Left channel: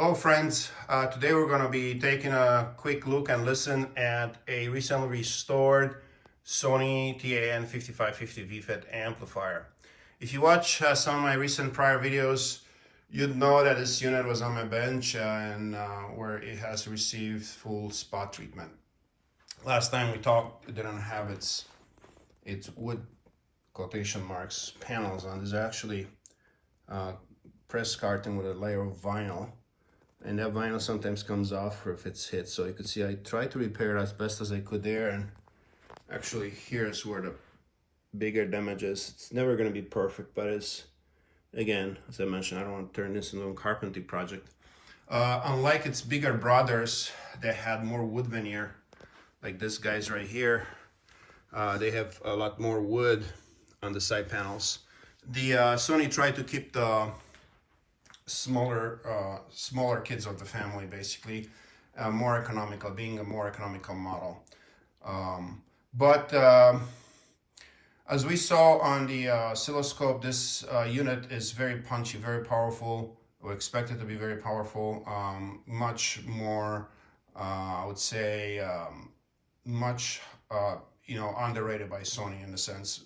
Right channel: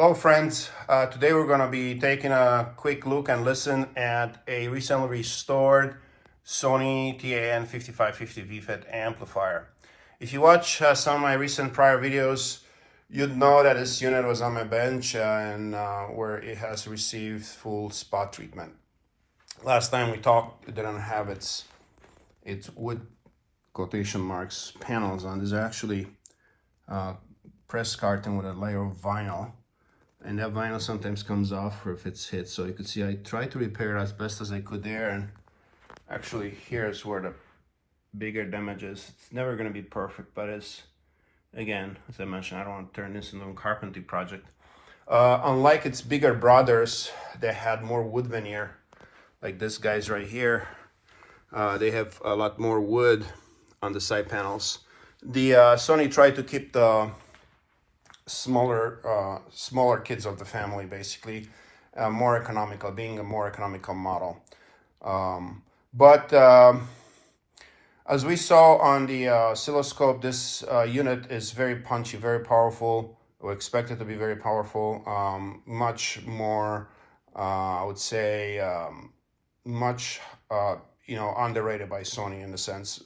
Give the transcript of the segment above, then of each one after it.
Hello friends, today we're going to be taking a quick look and listen at a recently restored Sony TAN-5550 V-Fet amplifier. If you watch some of my recent prior videos, you'd know that this unit was on my bench and where it has received full spot treatment. Last time we talked, it didn't have its wood quotation marks panels on. These are actually press carton with a layer of vinyl. And that vinyl sometimes comes off or if it's hit. So you could see I tried to repair it as best as I could there, and actually here's where the bigger damage is. It's never going to be perfect, but it's, again, as I mentioned, I don't want to turn this into a carpentry project. Unlike its bigger brothers, they had more wood veneer, like this guy's right here. They have a lot more wood on the side panels. The Sony tried to keep the smaller kids of the family, basically, more economical, being a more economical model. But as we saw on the oscilloscope, this unit is very punchy, very powerful. We expect it to be very powerful, much more, I would say, much underrated by Sony in the sense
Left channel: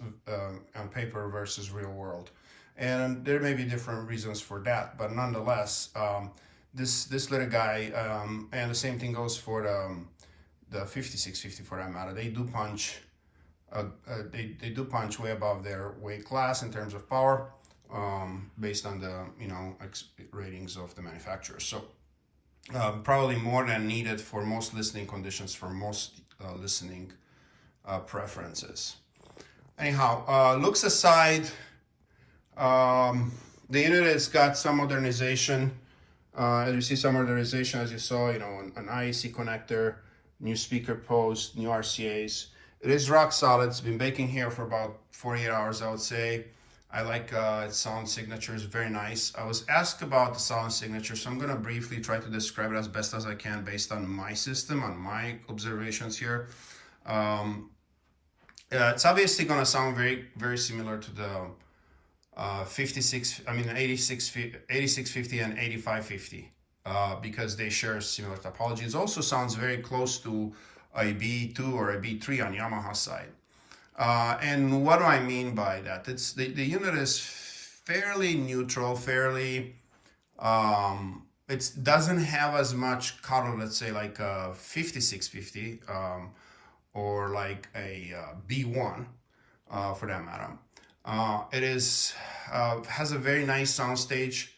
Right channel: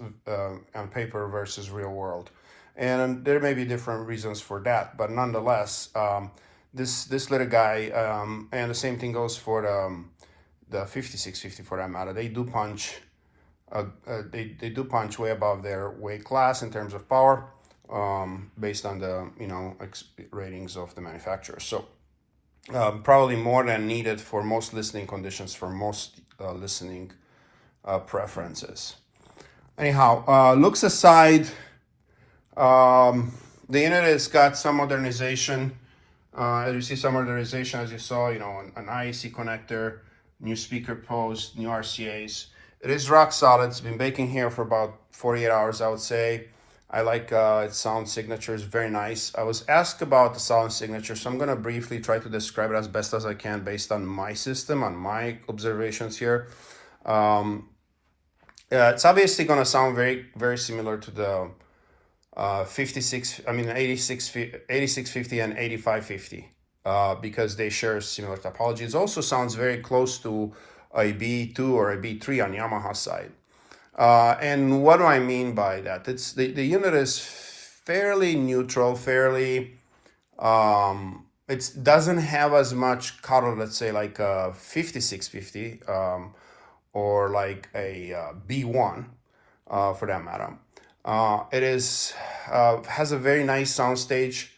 on paper versus real world. And there may be different reasons for that, but nonetheless, this little guy, and the same thing goes for the 5650 for that matter. They do punch, they do punch way above their weight class in terms of power, based on the ratings of the manufacturer. So probably more than needed for most listening conditions, for most listening preferences. Anyhow, looks aside. The unit has got some modernization. As you see, some modernization, as you saw, an IAC connector, new speaker post, new RCAs. It is rock solid. It's been baking here for about 48 hours, I would say. I like its sound signature. It's very nice. I was asked about the sound signature, so I'm going to briefly try to describe it as best as I can based on my system, on my observations here. It's obviously going to sound very, very similar to the 8650 and 8550 because they share similar topology. It also sounds very close to a B2 or a B3 on Yamaha side. And what do I mean by that? It's the unit is fairly neutral, fairly it doesn't have as much color, let's say, like a 5650 or like a B1 for that matter. It is has a very nice soundstage,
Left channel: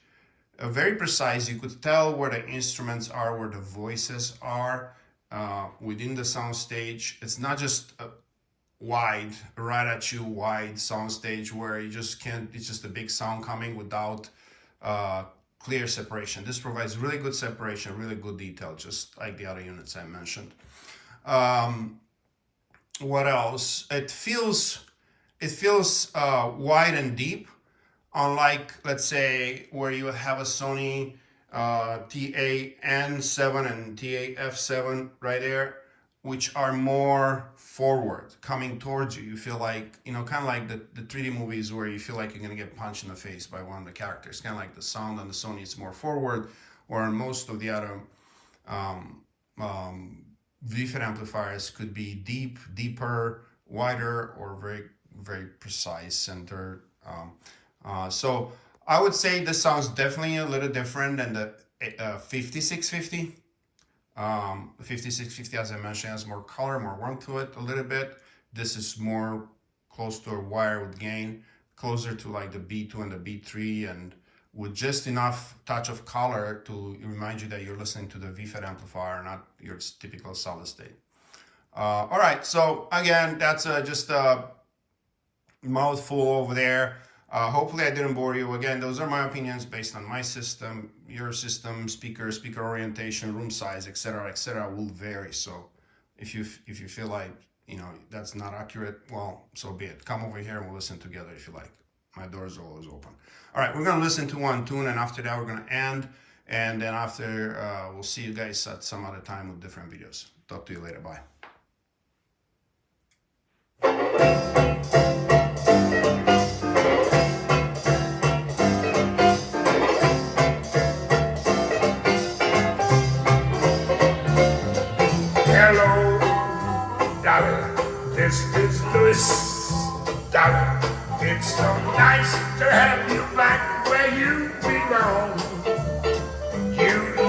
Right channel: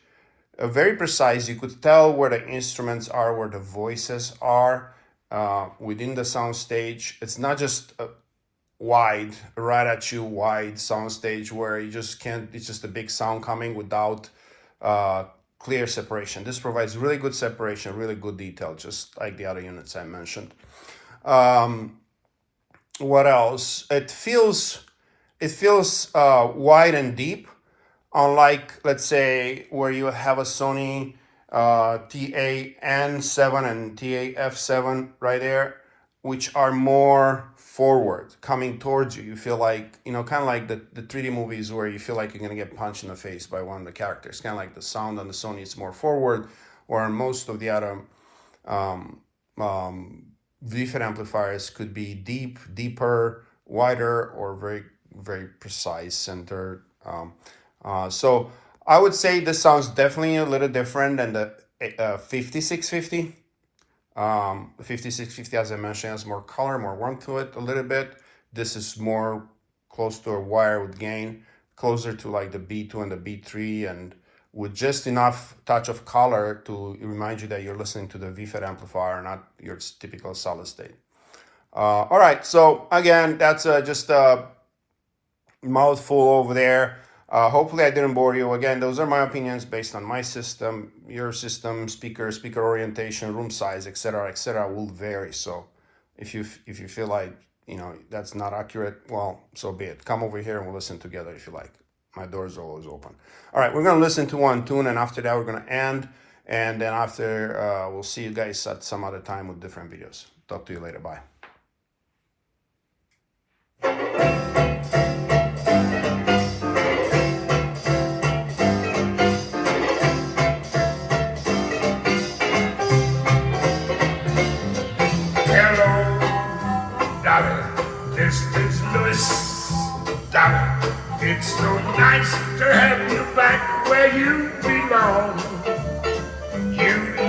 very precise. You could tell where the instruments are, where the voices are within the soundstage. It's not just a wide, right at you wide soundstage where you just can't. It's just a big sound coming without clear separation. This provides really good separation, really good detail, just like the other units I mentioned. What else? It feels wide and deep, unlike, let's say, where you have a Sony TAN-7 and TAF7 right there, which are more forward, coming towards you. You feel like, kind of like the 3D movies where you feel like you're going to get punched in the face by one of the characters. Kind of like the sound on the Sony is more forward, or most of the other V-Fet amplifiers could be deeper, wider, or very, very precise, centered. So I would say this sounds definitely a little different than the 5650. The 5650, as I mentioned, has more color, more warmth to it a little bit. This is more close to a wire with gain, closer to like the B2 and the B3, and with just enough touch of color to remind you that you're listening to the V-Fet amplifier, not your typical solid state. All right, so again, that's just a mouthful over there. Hopefully I didn't bore you. Again, those are my opinions based on my system. Your system, speaker orientation, room size, etc., will vary. So if you feel like that's not accurate, well, so be it. Come over here and we'll listen together if you like. My doors are always open. All right, we're gonna listen to one tune, and after that we're gonna end, and then after we'll see you guys at some other time with different videos. Talk to you later. Bye.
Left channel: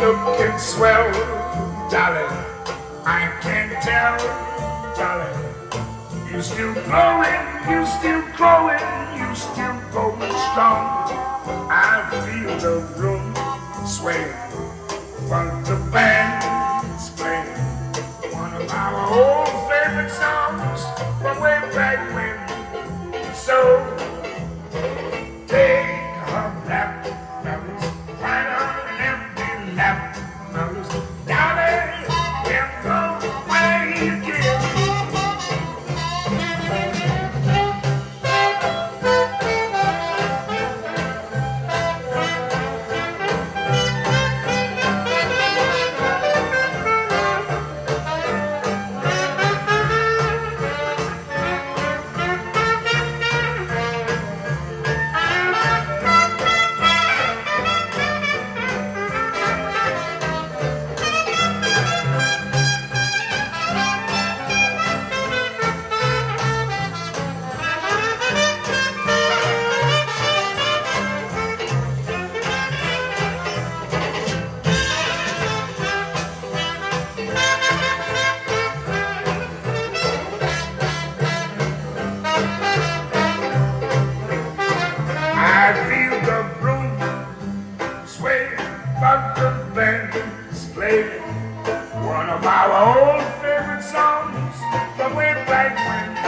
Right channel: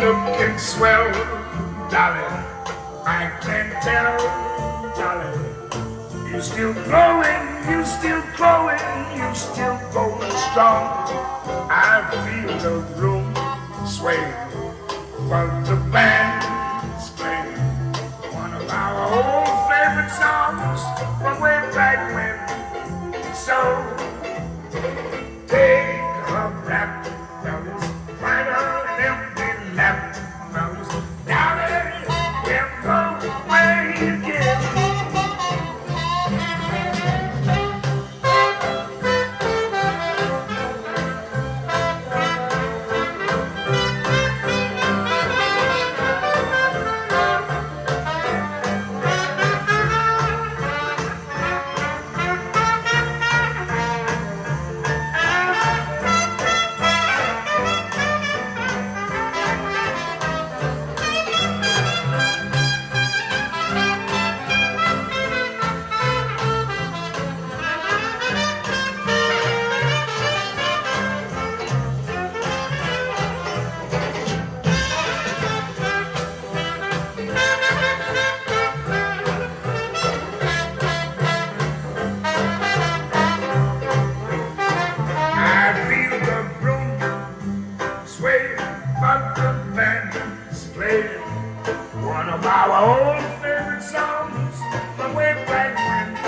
looking swell, darling. I can tell, darling. You still glowing, you still glowing, you still going strong. I feel the room sway, but the band's playing one of our old favorite songs from way back when. So take a rap, fellas, find her an empty lap, fellas, darling, we're going away again. I feel the room sway, but the band is playing one of our old favorite songs from way back when.